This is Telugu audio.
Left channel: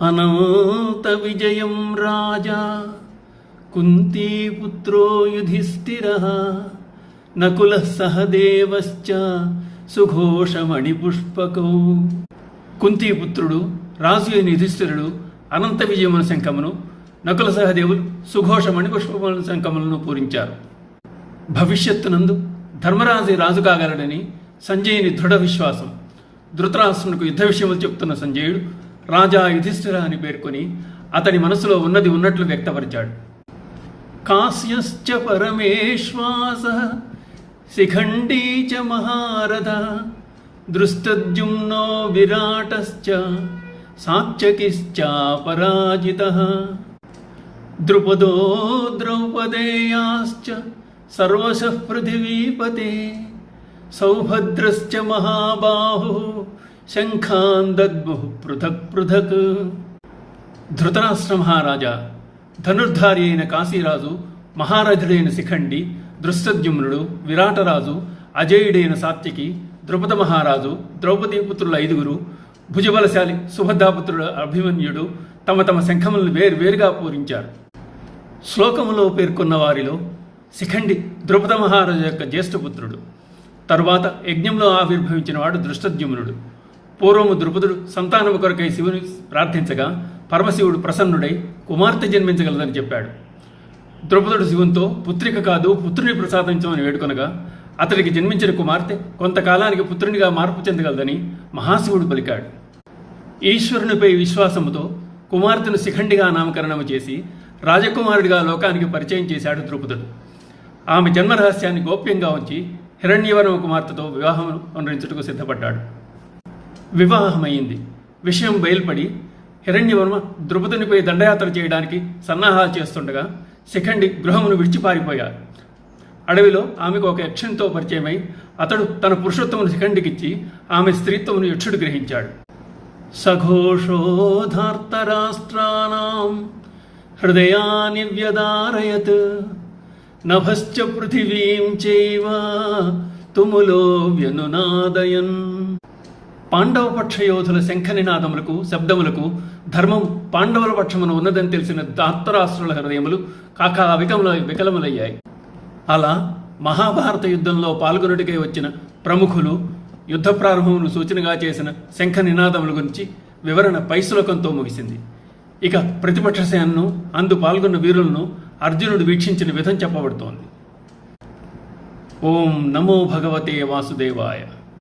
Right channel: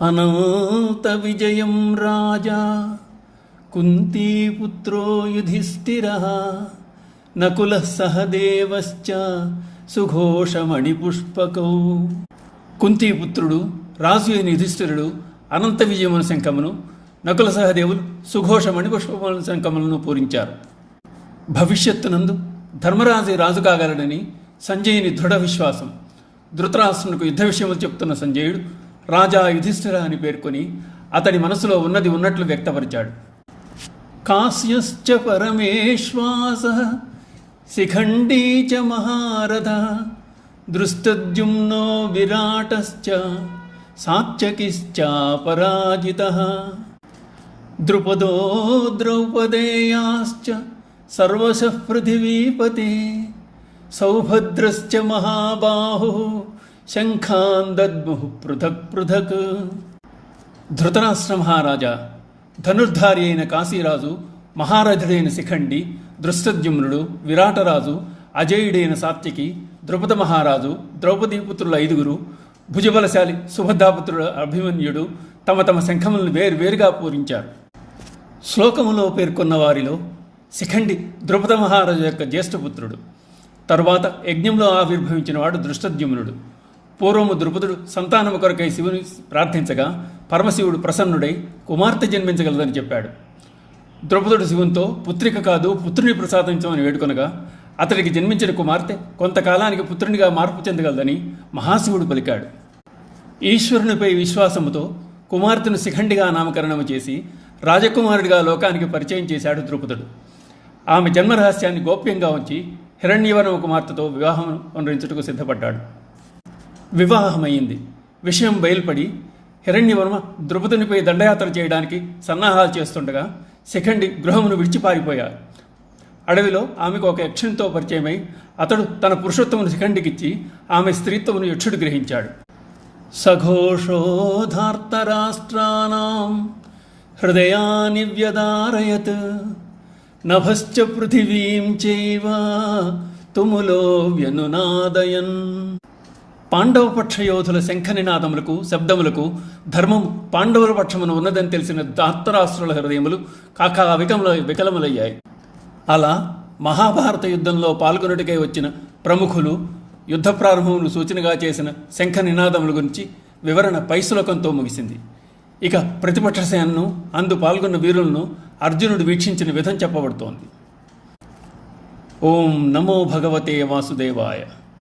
అనంత విజయం రాజా కుంతీపుత్రో యుధిష్ఠిరః నకులః సహదేవశ్చ సుఘోషమణిపుష్పకౌ. కుంతీపుత్రుడు రాజు అయిన యుధిష్ఠిరుడు అనంత విజయమున శంఖమును, నకుల సహదేవులు సుఘోషమణి పుష్పముల శంఖములను పూరించారు. భవిష్యత్తునందు ధర్మరాజు రాజు కాగలడని సంజయుని దృఢ విశ్వాసం. ధృతరాష్ట్రునికి యుద్ధ విషయములు చెప్తున్న సంజయుడు రాజా యుధిష్ఠిర అని పేర్కొని అతడి మనసులో ఉన్నది ఉన్నట్లు వ్యక్తపరిచాడు. కాశ్యశ్చ పరమేశ్వాసః శిఖండీ చ మహారథ దృష్టద్యుమ్నో విరాటశ్చ సాత్యకిశ్చాపరాజితః ద్రుపదో ద్రౌపదేయాశ్చ సర్వశః పృథివీపతే సౌభద్రశ్చ మహాబాహుః శంఖాన్ దద్ముః పృథక్ పృథక్. ధృతరాష్ట్ర మహారాజా, ధనుర్ధారి అయిన కాశీరాజు, మహారథుడైన శిఖండి, దృష్టద్యుమ్నుడు, విరాటరాజు, అజేయుడైన సాత్యకి, ద్రుపద మహారాజు, ద్రౌపదీ పుత్రుల 5, భుజబలశాలి సుభద్రాపుత్రుడు అభిమన్యుడు తమ తమ శంఖములను వేరువేరుగా పూరించారు. శ్లోకములో పేర్కొన్న వారిలో శిఖండి ద్రుపద మహారాజు యొక్క జ్యేష్ఠపుత్రుడు. తరువాత యజ్ఞంలో ఆవిర్భవించిన వాడు దృష్టద్యుమ్నుడు. పూర్వము ద్రుపదుడు సంతానము కొరకై శివుని ప్రార్థించగా పరమశివుడు ప్రసన్నుడై కుమార్తె జన్మించగలదని చెప్పాడు. ద్రుపదుడు శివునితో పుత్రిక కాదు పుత్రుని ప్రసాదించమని వేడుకొనగా అతడికి జన్మించిన కుమార్తె కొంతకాలానికి పుత్రునిగా మార్పు చెందగలదని మహాశివుడు పలికాడు. ఈశ్వరునిపై విశ్వాసముతో కుమార్తెను శిఖండిగా నామకరణము చేసి రాజకుమారుడిగా లోకానికి పరిచయం చేశాడు ద్రుపదుడు. ఆమె జన్మరహస్యాన్ని గోప్యంగా ఉంచి హిరణ్యవర్మ కుమార్తెతో వివాహం అనురించుటకు సిద్ధపడ్డాడు. వివాహమైంది. విషయం బయలుపడి హిరణ్యవర్మ ద్రుపదునిపై దండయాత్ర చేయడానికి సన్నాహాలు చేస్తుండగా శిఖండి గృహమును విడిచిపారిపోయారు. అడవిలో ఆమెకు ఒక యక్షునితో పరిచయమై అతడు తన పురుషోత్తమును శిఖండికిచ్చి ఆమె స్త్రీత్వమును యక్షుడు గ్రహించాడు. సఘోషోధార్తరాష్ట్రాణాం హృదయాని వ్యదారయత్ నభశ్చ పృథివీం చైవ తుములో వ్యనునాదయన్. పాండవ పక్ష యోధుల శంఖనినాదములకు శబ్దములకు ధర్మం పాండవుల పక్షమును ఉన్నదని తెలిసిన ధార్తరాష్ట్రుల హృదయములు వికలములయ్యాయి. అలా మహాభారత యుద్ధంలో పాల్గొనుడికై వచ్చిన ప్రముఖులు యుద్ధ ప్రారంభమును సూచనగా చేసిన శంఖ నినాదముల గురించి వివరణ పై శ్లోకంతో ముగిసింది. ఇక ప్రతిపక్ష సేనను అందు పాల్గొన్న వీరులను అర్జునుడు వీక్షించిన విధం చెప్పబడుతోంది. ఓం నమో భగవతే వాసుదేవాయ.